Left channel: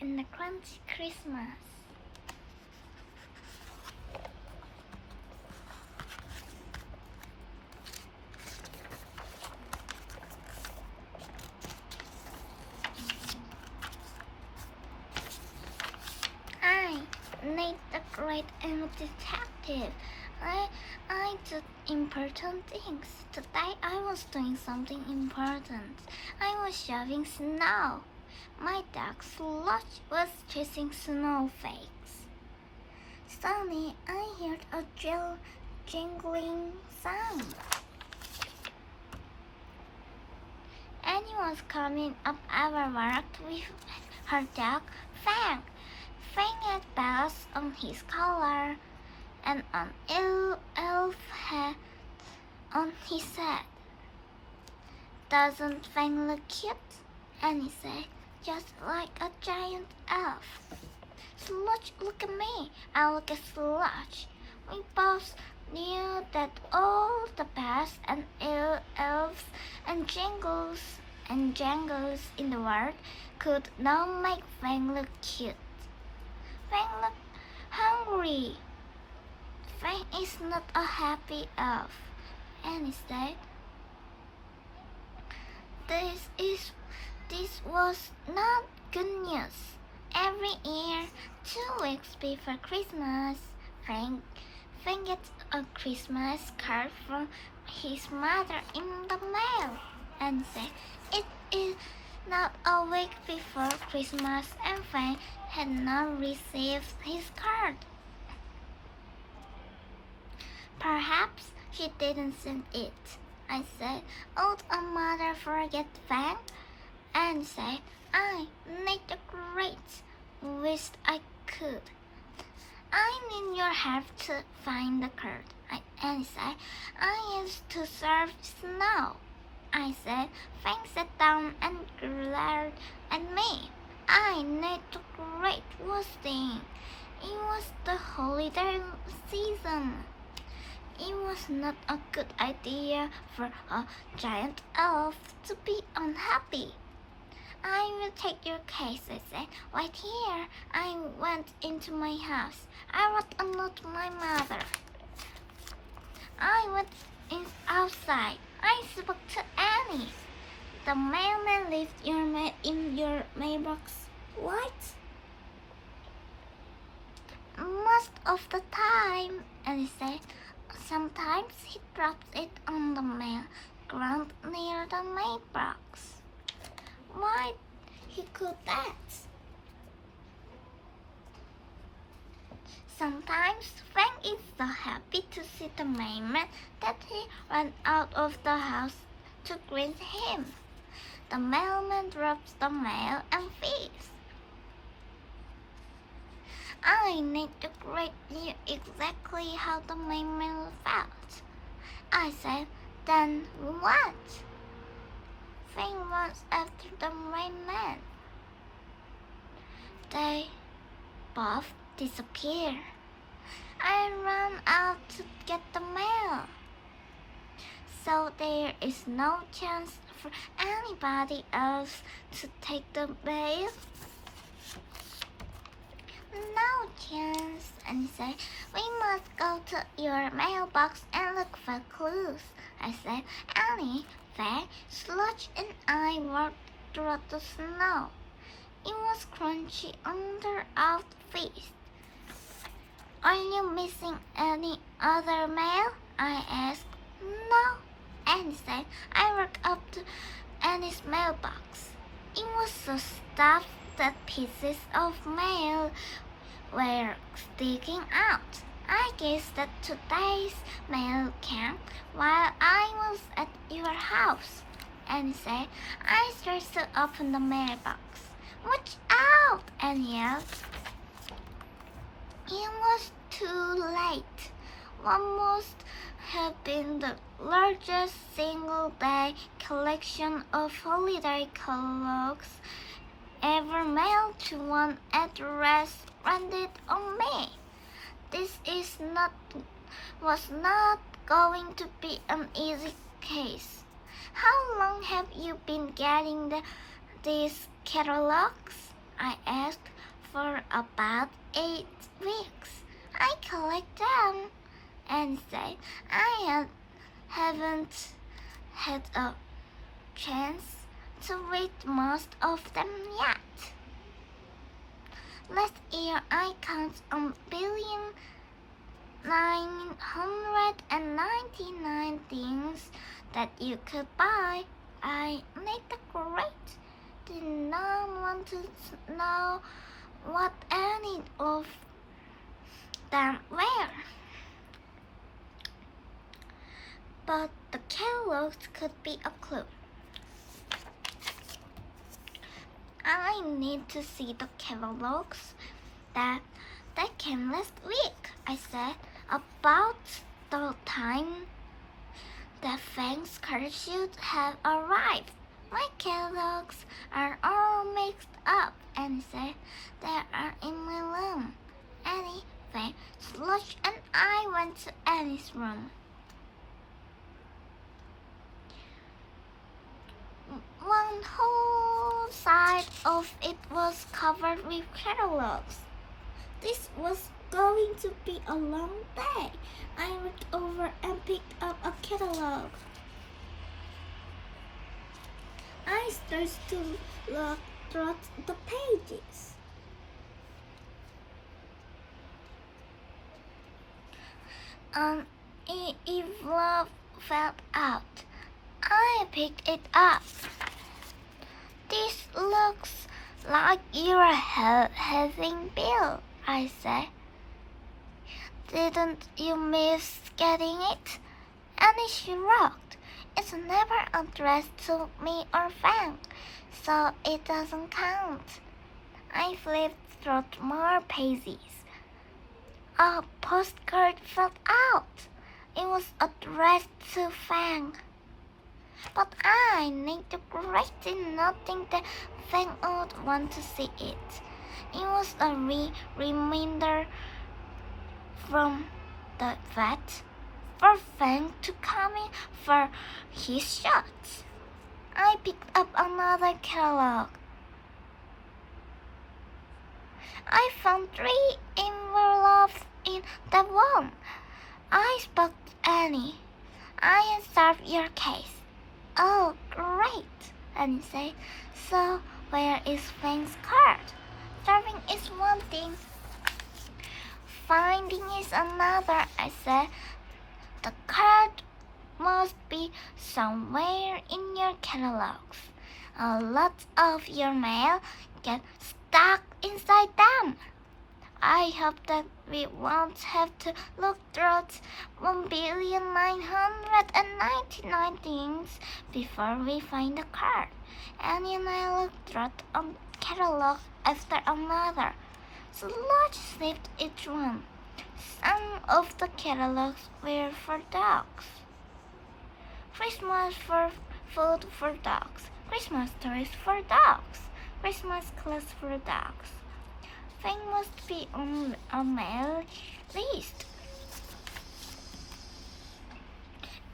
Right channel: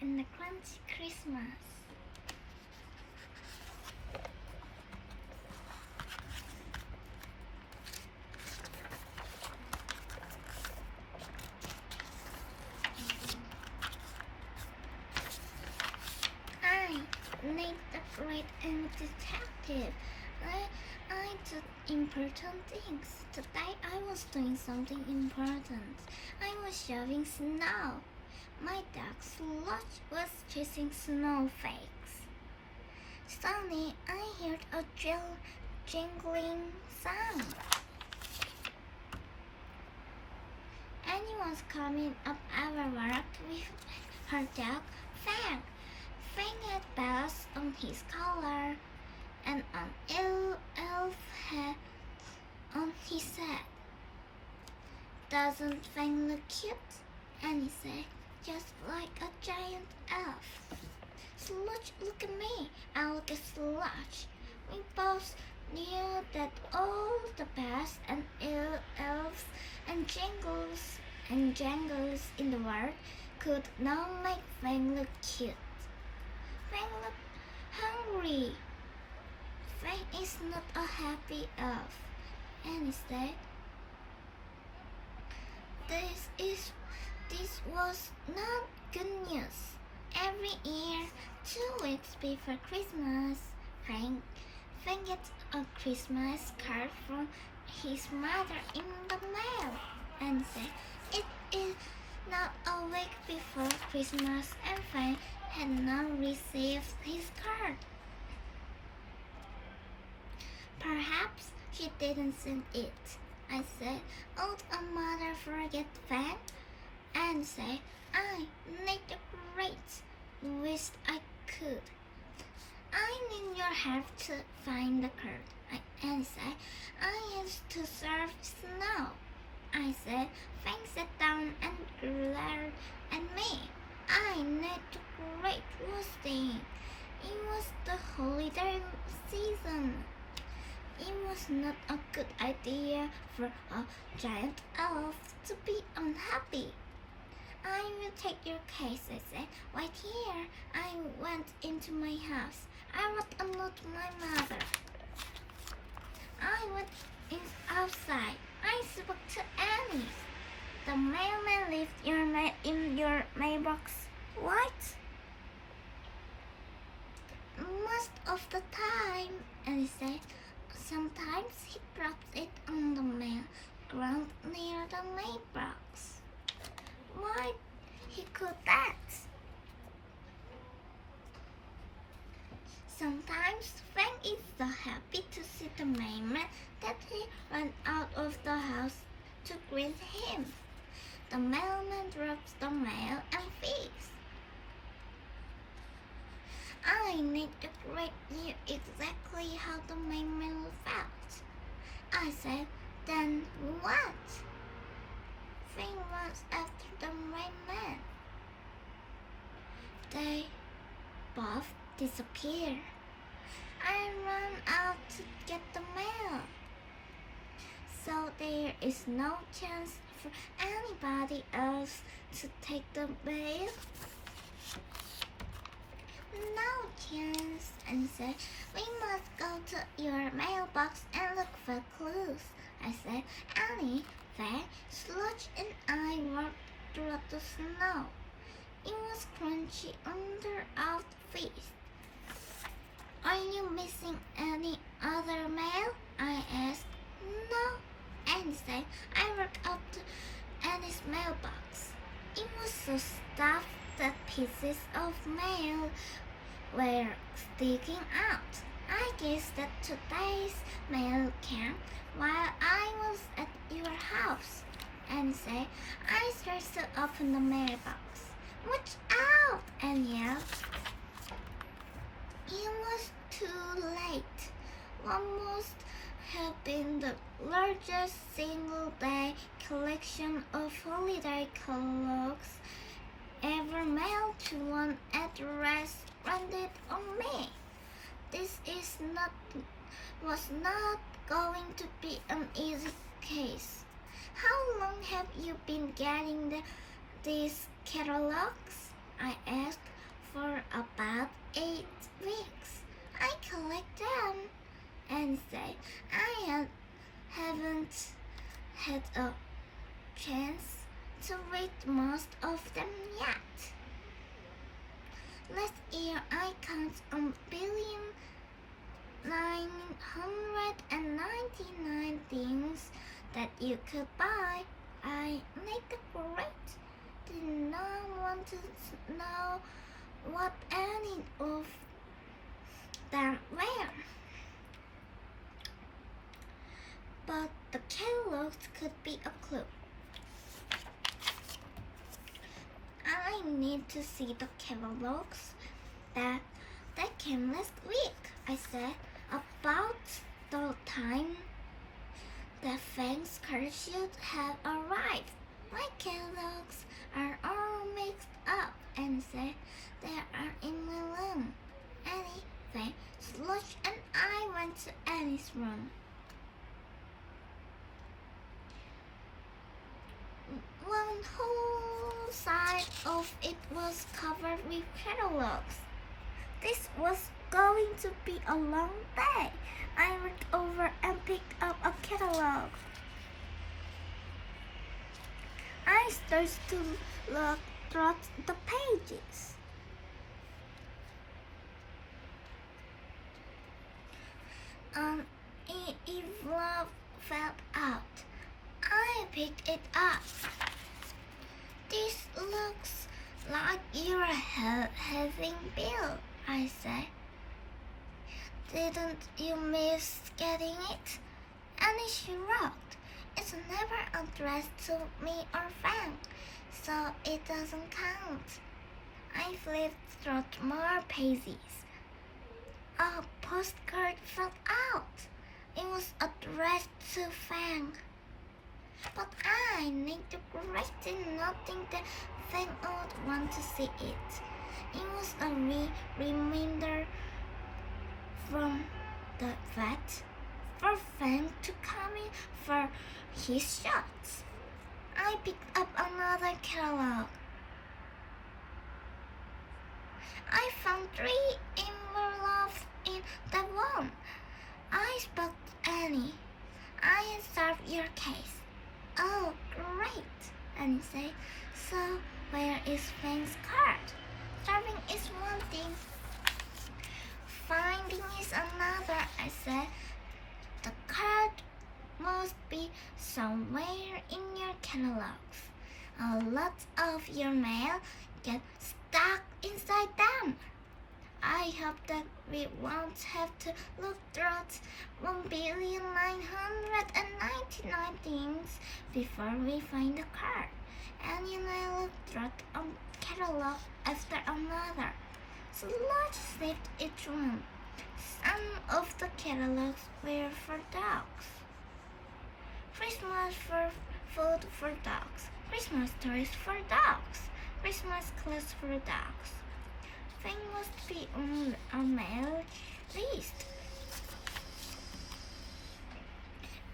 in a crunchy Christmas. I, Nate the Great and Detective. I did important things. Today I was doing something important. I was shoving snow. My dog Slush was chasing snowflakes. Suddenly I heard a jingling sound. Annie was coming up our walk with her dog Fang. Fang had bells on his collar and an elf hat on his head. Doesn't Fang look cute? Annie said, just like a giant elf. Slush, look at me. I look at Slush. We both knew that all the bells and elves and jangles in the world could not make Fang look cute. Fang looked hungry. Fang is not a happy elf. Annie said, This was not good news. Every year, 2 weeks before Christmas, Fang gets a Christmas card from his mother in the mail and said it is not a week before Christmas and Fang had not received his card. Perhaps she didn't send it. I said, would a mother forget Fang? And said, I need the Great. Wished I could. I need your help to find the card. And said, I used to serve snow. I said, Fang sat down and glared at me. I need the Great was saying. It was the holiday season. It was not a good idea for a giant elf to be unhappy. I will take your case, I said. Right here. I went into my house. I wrote a note to my mother. I went outside. I spoke to Annie. The mailman left your mail in your mailbox. What? Most of the time, Annie said. Sometimes he drops it on the mail ground near the mailbox. Why he could that? Sometimes Fang is so happy to see the mailman that he ran out of the house to greet him. The mailman drops the mail and leaves. I need to Great knew exactly how the mailman felt. I said, then what? Fang runs after the mailman. They both disappear. I ran out to get the mail. So there is no chance for anybody else to take the mail? No chance, and said, we must go to your mailbox and look for clues. I said, Annie, Fang, Slush, and I walked through the snow. It was crunchy under our feet. Are you missing any other mail? I asked. No, Annie said. I walked up to Annie's mailbox. It was so stuffed that pieces of mail were sticking out. I guess that today's mail came while I was at your house. Annie said, I started to open the mailbox. Watch out! Annie yelled. It was too late. What must have been the largest single-day collection of holiday clothes ever mailed to one address landed on me. This was not going to be an easy case. How long have you been getting these catalogs? I asked for about 8 weeks. I collect them and say haven't had a chance to read most of them yet. Last year I counted 1,999 things that you could buy. I made the grade. Did not want to know what any of them were. But the catalogs could be a clue. I need to see the catalogs that came last week, I said, about the time the Fang's card should have arrived. My catalogs are all mixed up, and said they are in my room. Annie, Slush and I went to Annie's room. One whole side of it was covered with catalogs. This was going to be a long day. I reached over and picked up a catalog. I started to look through the pages. An envelope fell out. I picked it up. This looks like you're having Bill, I said. Didn't you miss getting it? And she rocked. It's never addressed to me or Fang, so it doesn't count. I flipped through more pages. A postcard fell out. It was addressed to Fang. But I need to correct it, nothing that Fang would want to see it. It was a reminder from the vet for Fang to come in for his shots. I picked up another catalog. I found 3 envelopes in that one. I spoke to Annie. I have solved your case. Oh, great, Annie said. So, where is Fang's card? Solving is one thing. Finding is another, I said. The card must be somewhere in your catalogs. A lot of your mail gets stuck inside them. I hope that we won't have to look through 1,999 things before we find the card. Annie and I looked through a catalog after another. Slush sniffed each one. Some of the catalogs were for dogs. Christmas for food for dogs. Christmas toys for dogs. Christmas clothes for dogs. Fang must be on a mail list.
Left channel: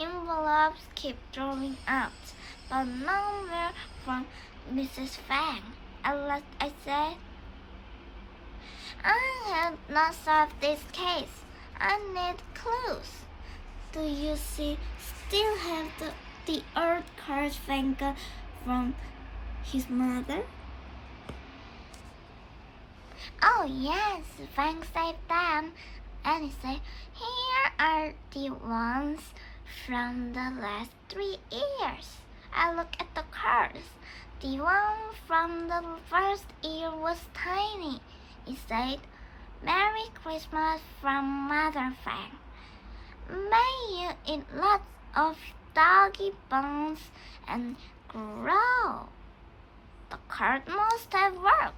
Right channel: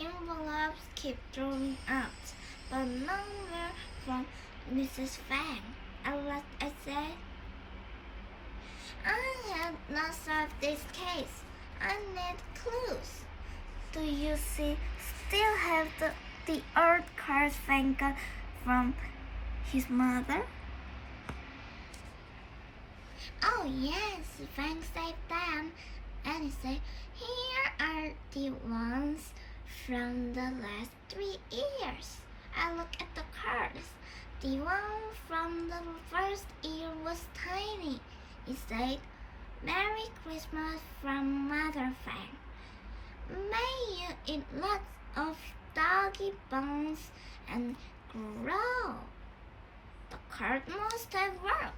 Envelopes keep drawing out, but none were from Mrs. Fang. At last I said, I have not solved this case. I need clues. Do you still have the old cards Fang got from his mother? Oh yes, Fang saved them. And he said, here are the ones from the last 3 years. I looked at the cards. The one from the first year was tiny. He said, Merry Christmas from Mother Fang. May you eat lots of doggy bones and grow. The card must have worked.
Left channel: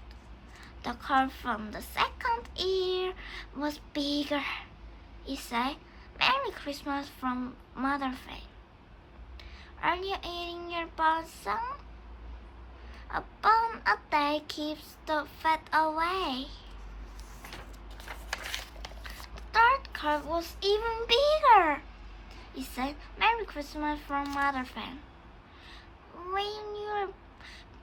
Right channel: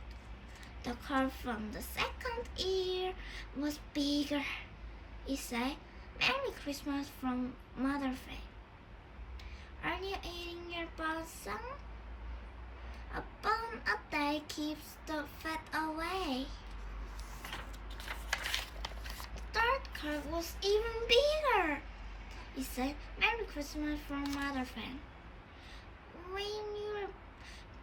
The card from the second year was bigger. He said, Merry Christmas from Mother Fang. Are you eating your bones son? A bone a day keeps the fat away. The third card was even bigger. He said, Merry Christmas from Mother Fang. When your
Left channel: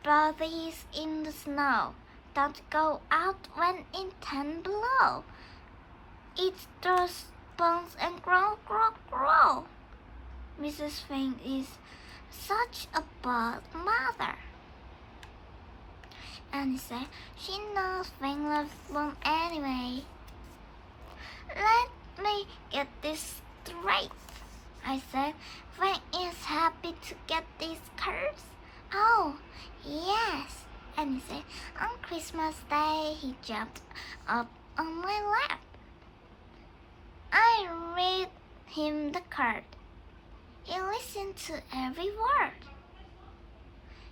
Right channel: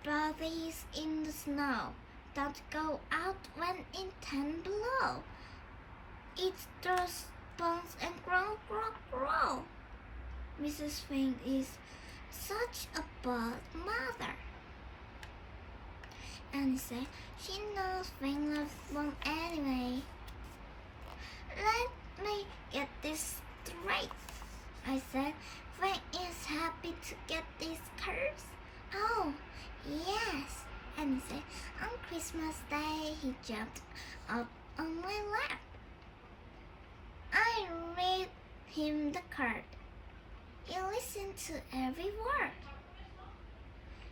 body's in the snow, don't go out when it's 10 below. Eat those bones and grow, grow, grow. Mrs. Fang is such a bad mother. Annie said she knows Fang loves them anyway. Let me get this straight, I said. Fang is happy to get these curves. Oh, yes, Annie said. On Christmas Day, he jumped up on my lap. I read him the card. He listened to every word.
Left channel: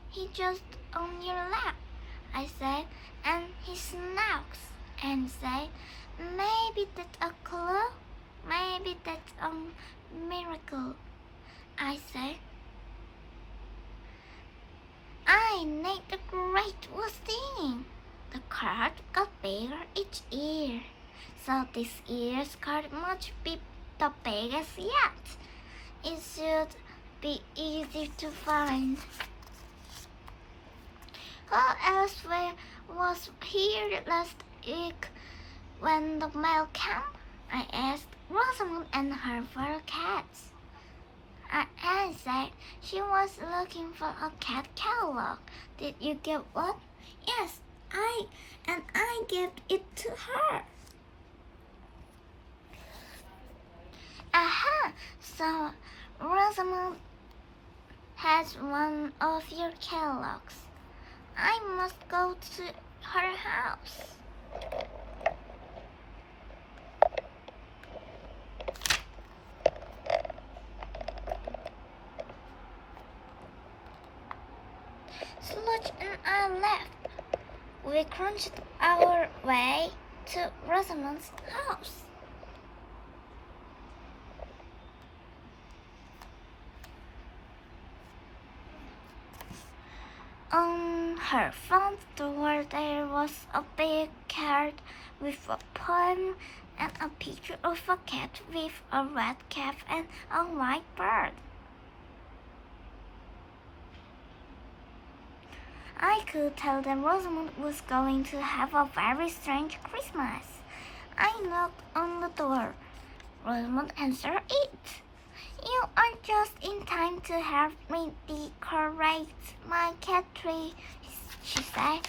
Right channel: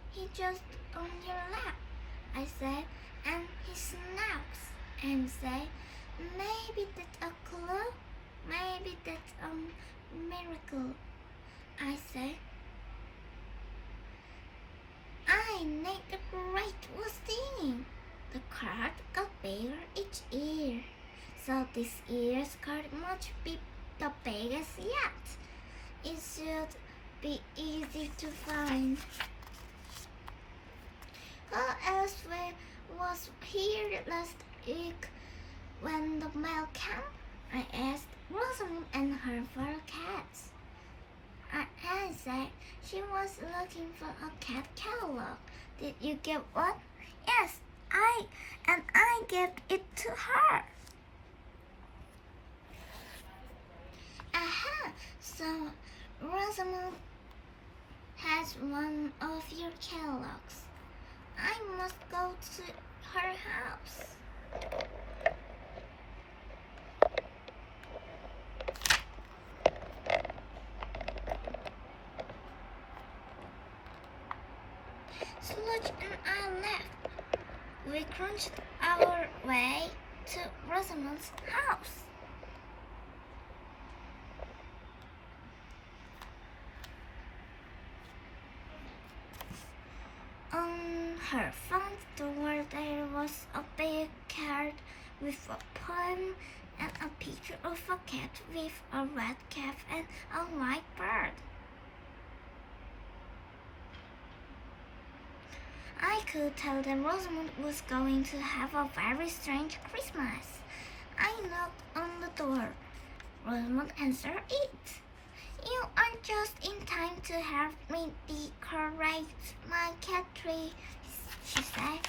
He just on your lap, I said, and he snacks and said, maybe that's a clue, maybe that's a miracle. I said, Nate the Great was singing. The card got bigger each year, so this year's card must be the biggest yet. It should be easy to find. Who else was here last week when the mail came? I asked Rosamond and her 4 cats. Anne said she was looking for a cat catalog. Did you get one? Yes, I gave it to her. Aha! So Rosamond has one of your catalogs. I must go to her house. Sludge and I left. We crunched our way to Rosamond's house. On her front door there was a big card with a poem and a picture of a cat with a red cap and a white bird. I could tell that Rosamond was going to have a very strange Christmas. I knocked on the door. Rosamond answered it. You are just in time to help me decorate my cat tree, she said.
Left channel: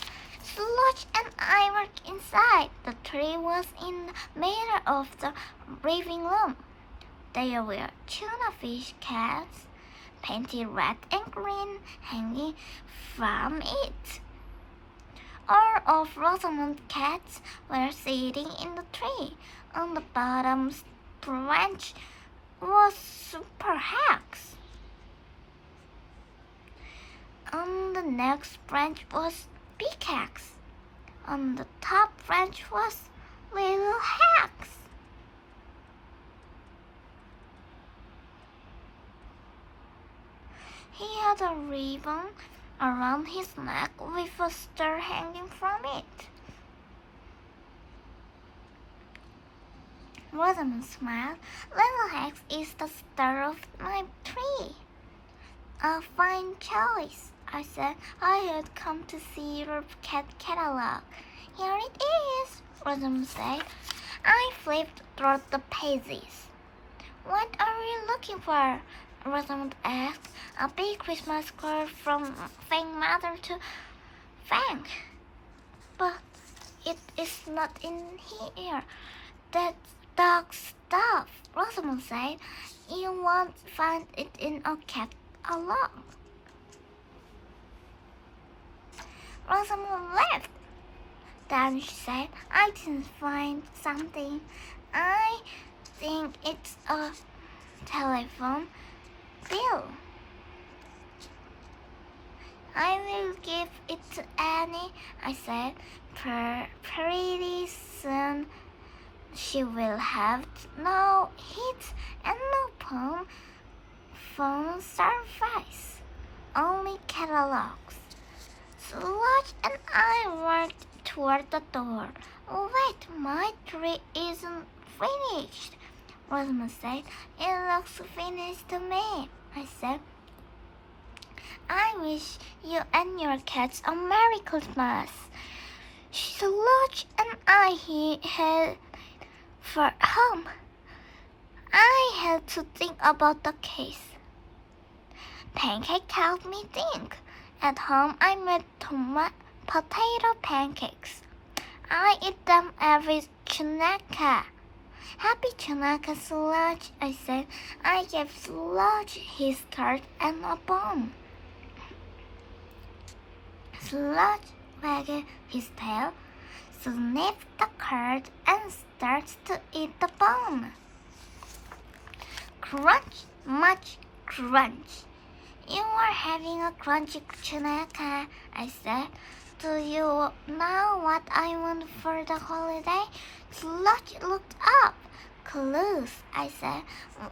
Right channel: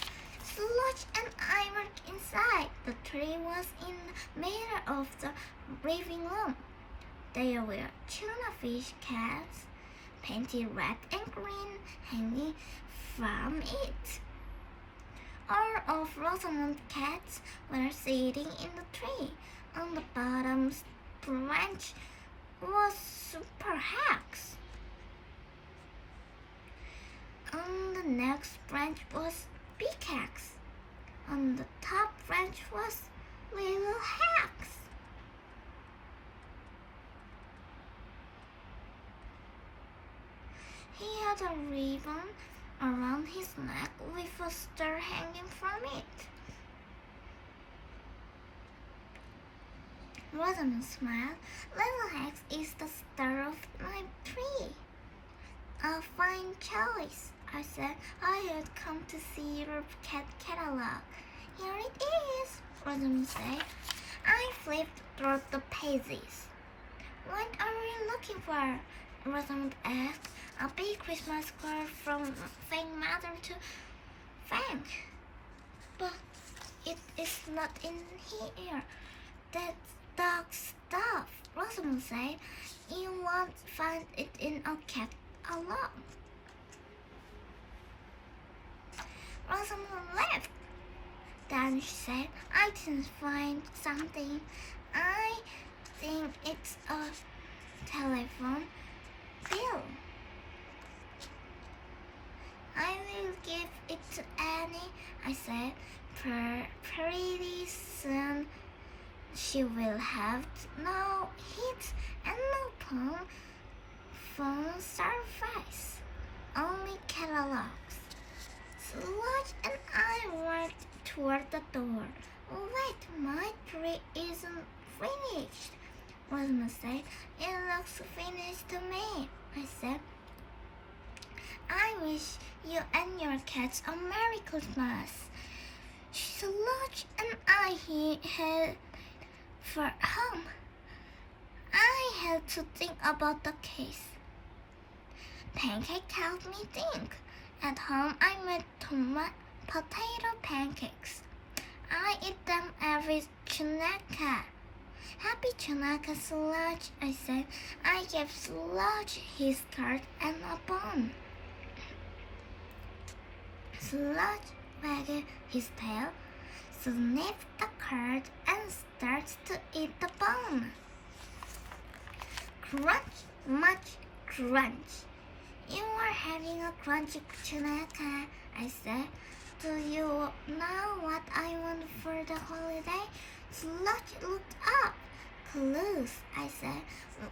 Sludge and I were inside. The tree was in the middle of the living room. There were tuna fish cats, painted red and green, hanging from it. All of Rosamond's cats were sitting in the tree. On the bottom branch was Super Hex. On the next branch was Big Hex. On the top branch was Little Hex. He had a ribbon around his neck with a star hanging from it. Rosamond smiled. Little Hex is the star of my tree. A fine choice, I said. I had come to see your cat catalog. Here it is, Rosamond said. I flipped through the pages. What are you looking for? Rosamond asked. A big Christmas card from Fang Mother to Fang. But it is not in here. That's dog stuff, Rosamond said. You won't find it in a cat catalog. Rosamond left. Then she said, I didn't find something. I think it's a telephone bill. I will give it to Annie, I said. Pretty soon she will have no heat and no phone service, only catalogs. Sludge and I walked toward the door. Oh, wait, my tree isn't finished, Rosamond said. It looks finished to me, I said. I wish you and your cats a Merry Christmas. Sludge and I headed for home. I had to think about the case. Pancake helped me think. At home, I made potato pancakes. I eat them every Chunaka. Happy Chunaka, Sludge, I said. I gave Sludge his card and a bone. Sludge wagged his tail, sniffed the card, and starts to eat the bone. Crunch, much crunch. You are having a crunchy Chunaka, I said. Do you know what I want for the holiday? Sludge looked up. Clues, I said.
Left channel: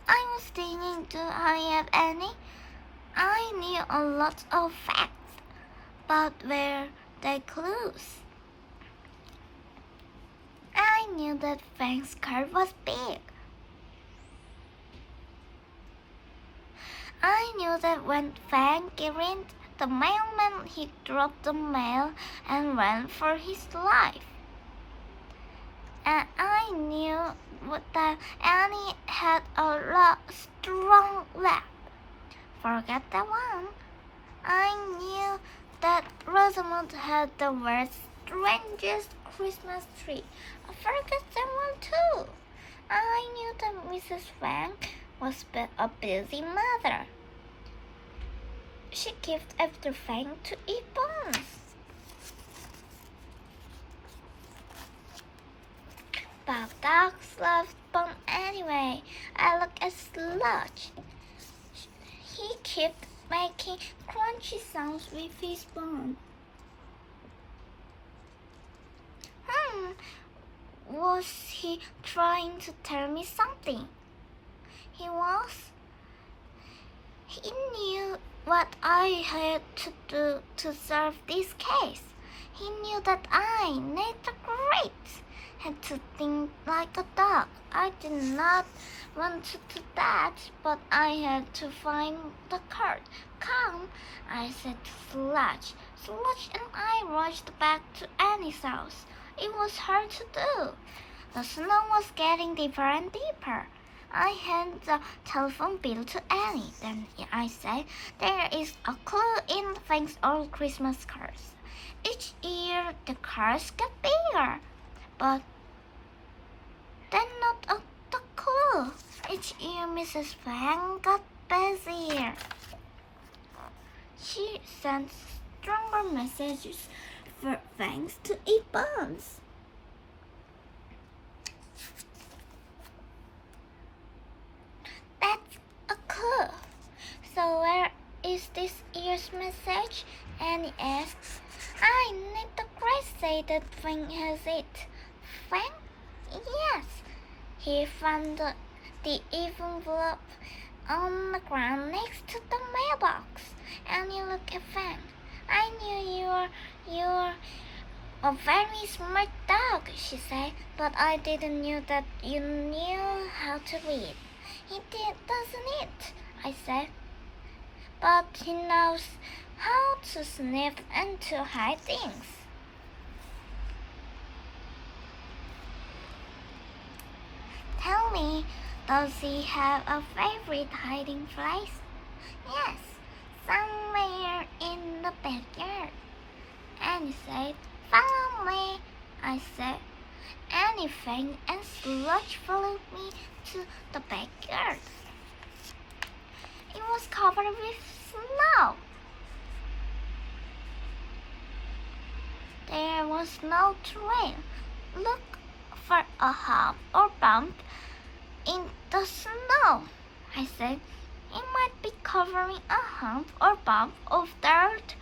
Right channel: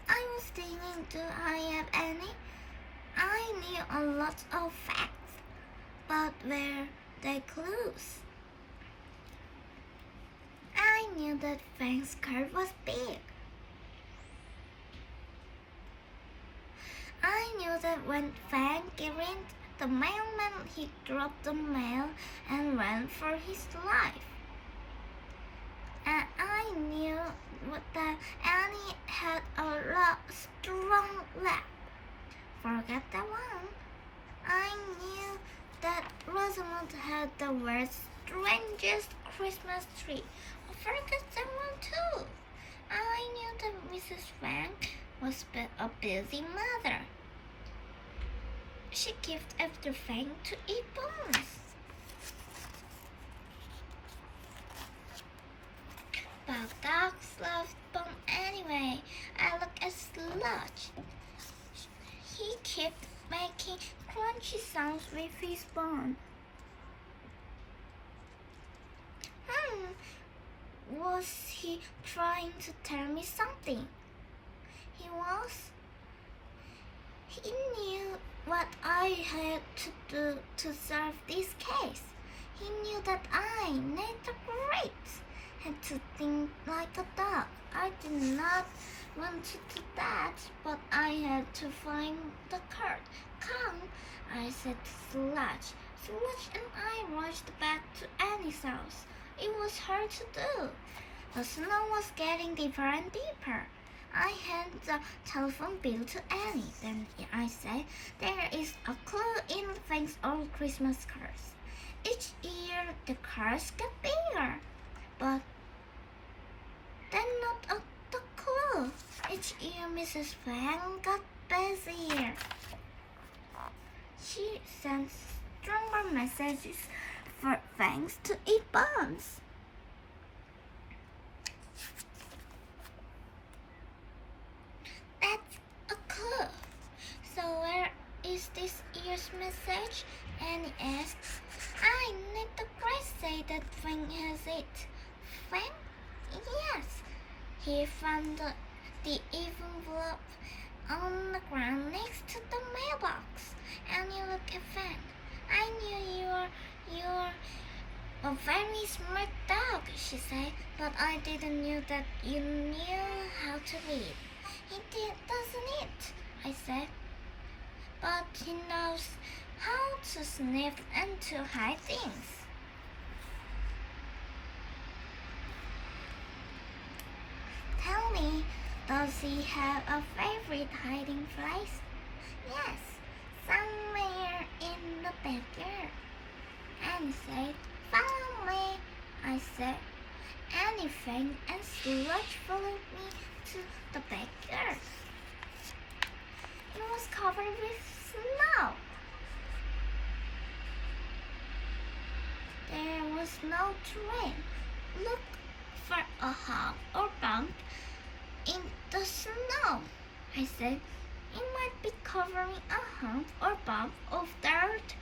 I was thinking, do I have any? I knew a lot of facts, but were they clues? I knew that Fang's card was big. I knew that when Fang grinned the mailman, he dropped the mail and ran for his life. And I knew that Annie had a strong leg. Forget that one. I knew that Rosamond had the world's strangest Christmas tree. Forget that one too. I knew that Mrs. Fang was a busy mother. She kept after Fang to eat bones. But dogs love bone anyway. I look at Sludge. He kept making crunchy sounds with his bone. Was he trying to tell me something? He was. He knew what I had to do to solve this case. He knew that I, Nate the Great, had to think like a dog. I did not want to do that, but I had to find the card. Come, I said to Sludge. Sludge and I rushed back to Annie's house. It was hard to do. The snow was getting deeper and deeper. I handed the telephone bill to Annie. Then I said, there is a clue in Fang's old Christmas cards. Each year the cards get bigger, but then not the clue. Each year Mrs. Fang got busier. She sent stronger messages for Fangs to eat bones. That's a clue. So where is this year's message? Annie asks. I need the Great say that Fang has it. Fang? Yes. He found the envelope on the ground next to the mailbox. Annie looked at Fang. I knew you're a very smart dog, she said, but I didn't know that you knew how to read. He did, doesn't it? I said. But he knows how to sniff and to hide things. Tell me, does he have a favorite hiding place? Yes, somewhere in the backyard. Annie said, follow me, I said. Annie Fang and Sludge followed me to the backyard. It was covered with snow. There was no trail. Look for a hump or bump in the snow, I said. It might be covering a hump or bump of dirt.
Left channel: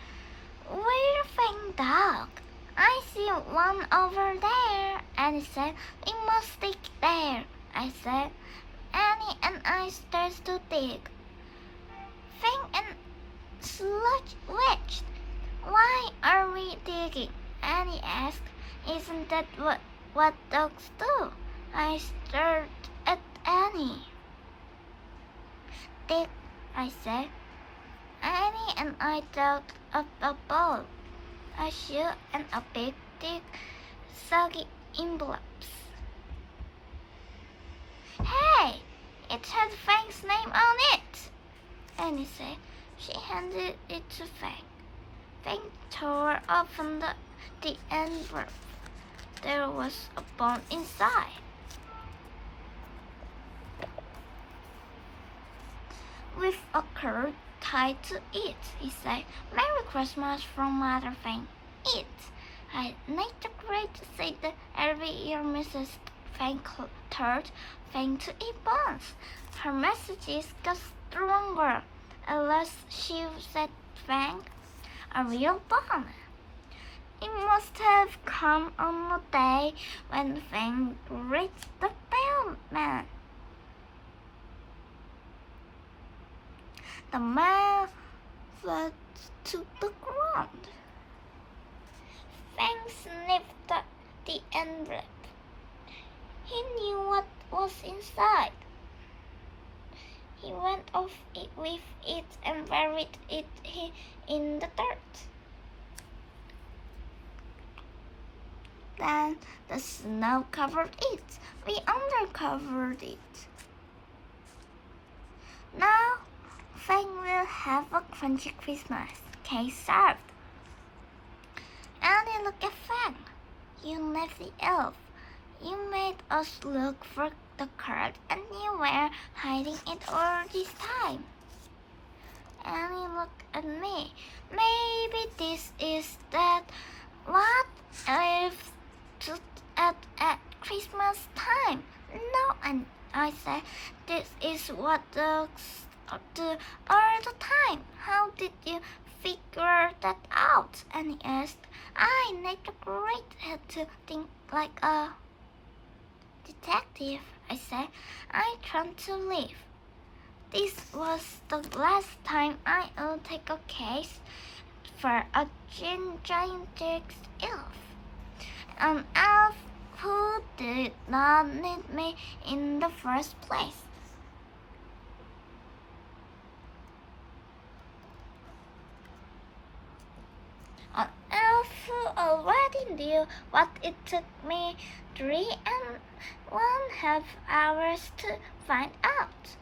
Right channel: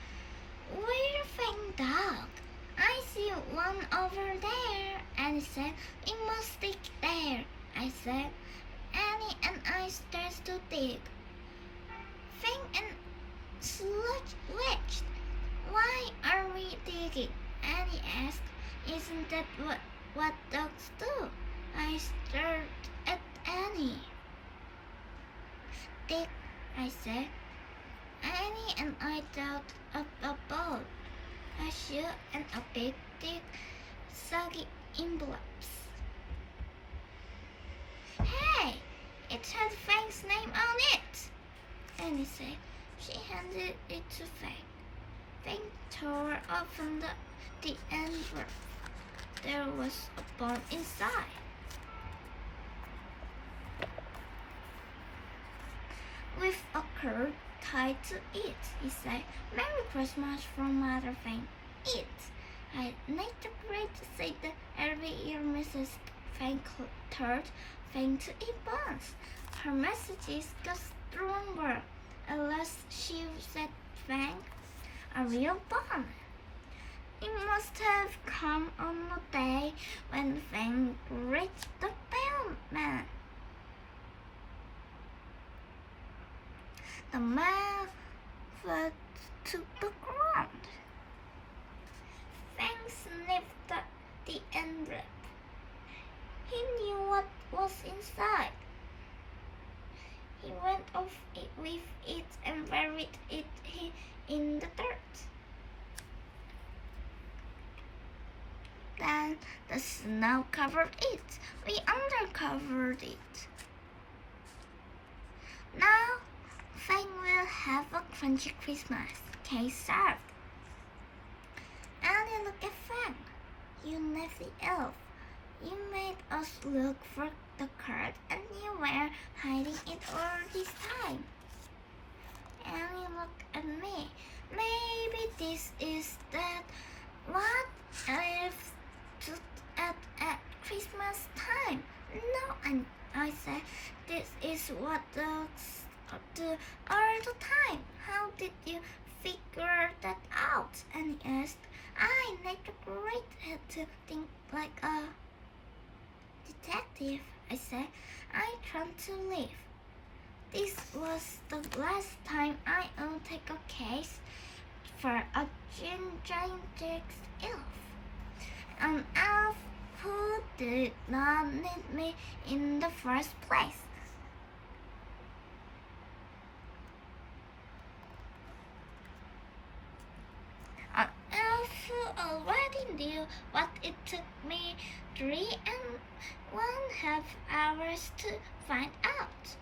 Where Fang dog? I see one over there, Annie said. We must dig there, I said. Annie and I started to dig. Fang and Sludge watched. Why are we digging? Annie asked. Isn't that what dogs do? I stared at Annie. Dig, I said. Annie and I dug up a bowl, a shoe, and a big dig soggy envelopes. Hey, it had Fang's name on it, Annie said. She handed it to Fang. Fang tore open the envelope. There was a bone inside. With a card tied to it, he said, "Merry Christmas from Mother Fang. Eat." I Nate the Great said that every year Mrs. Fang taught Fang to eat bones. Her messages got stronger. At last she said, "Fang, a real bone." It must have come on a day when Fang reached the bellman. The man fell to the ground. Fang sniffed at the envelope. He knew what was inside. He went off with it and buried it in the dirt. Then the snow covered it. We undercovered it. Now Fang will have a crunchy Christmas cake served. Annie, look at Fang. You nifty elf. You made us look for the card and you were hiding it all this time. Annie looked at me. Maybe this is that. What if at Christmas time? No, and I said, this is what the all the time. How did you figure that out? And he asked. I Nate the Great had to think like a detective, I said. I tried to leave. This was the last time I would take a case for a gigantic elf. An elf who did not need me in the first place. An elf who already knew what it took me 3.5 hours to find out.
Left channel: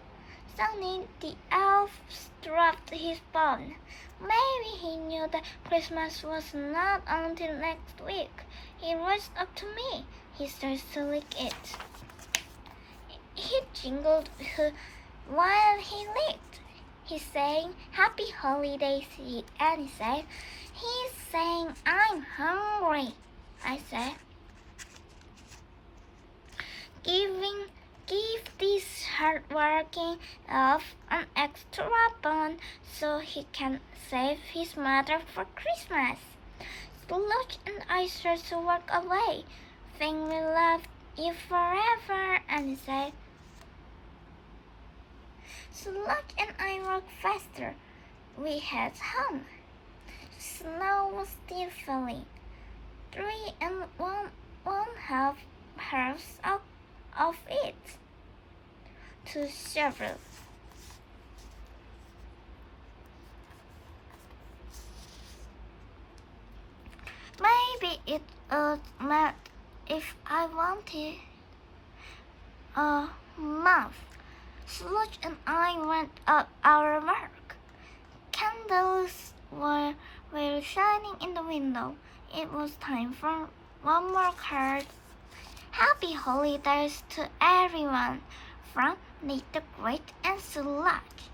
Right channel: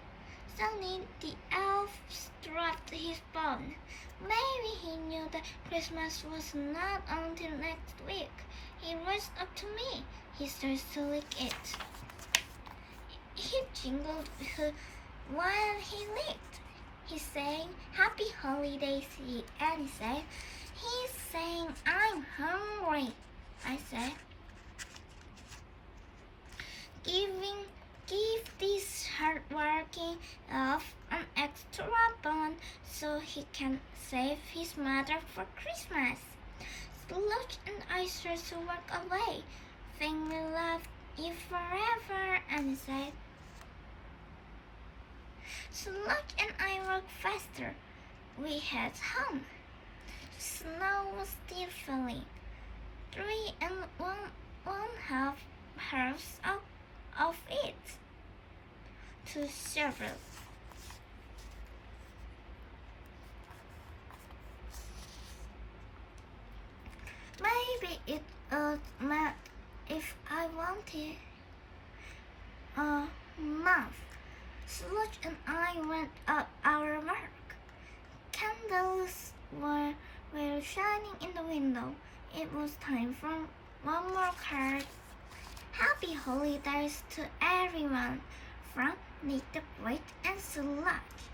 Suddenly the elf dropped his bone. Maybe he knew that Christmas was not until next week. He rushed up to me. He started to lick it. He jingled while he licked. He's saying, "Happy holidays," and he said, "He's saying, I'm hungry," I said. Give this hardworking elf an extra bone so he can save his mother for Christmas. Sludge and I started to walk away. Fang will love you forever, and he said. Sludge and I walked faster. We head home. Snow was still falling. 3.5 halves of it to several. Maybe it would melt if I wanted a month. Sludge and I went up our work. Candles were shining in the window. It was time for one more card. Happy holidays to everyone from Nate the Great and Sludge.